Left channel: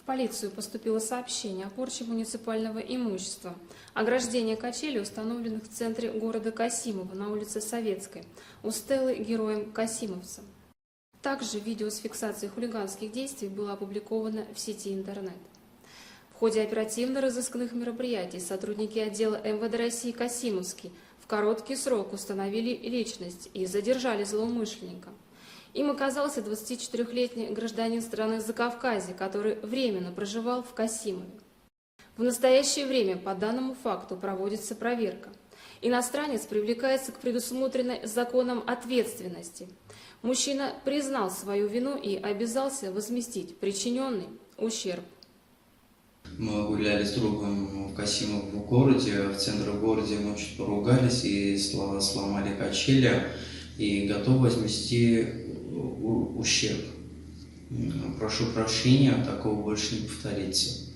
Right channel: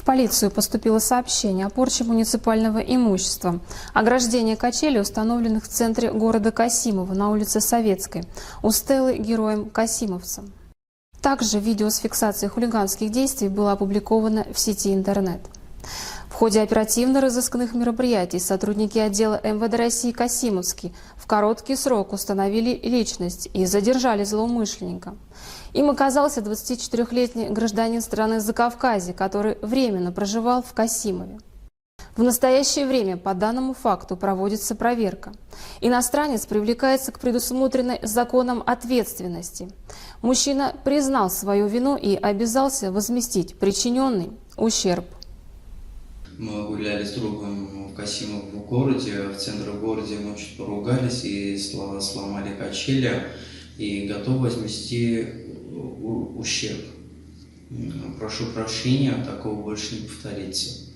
В полицию поступило сообщение о порче муниципального имущества. Ограждение качелей, установленных в центре города Касимова на улице Советской, у стелы героем Касимовца. Также видео с фиксацией хулиганских действий было опубликовано в сети интернет. В ходе оперативно-розыскных мероприятий сотрудники отдела МВД России Касимовский в короткий срок установили личность и задержали злоумышленника. Им оказался 24-летний гражданин страны Закавказья, который временно проживал в Касимове. В настоящее время по данному факту проводится проверка. Иностранец привлекается к предусмотренной законом ответственности. Мужчина признал свою вину и обязался возместить причиненный ущерб. Мы гуляли с другом в Касимовом в городе. В центре города мы чуть поругались и сломали качели. И готов возместить ущерб. Прошу прощения, такого больше не повторится.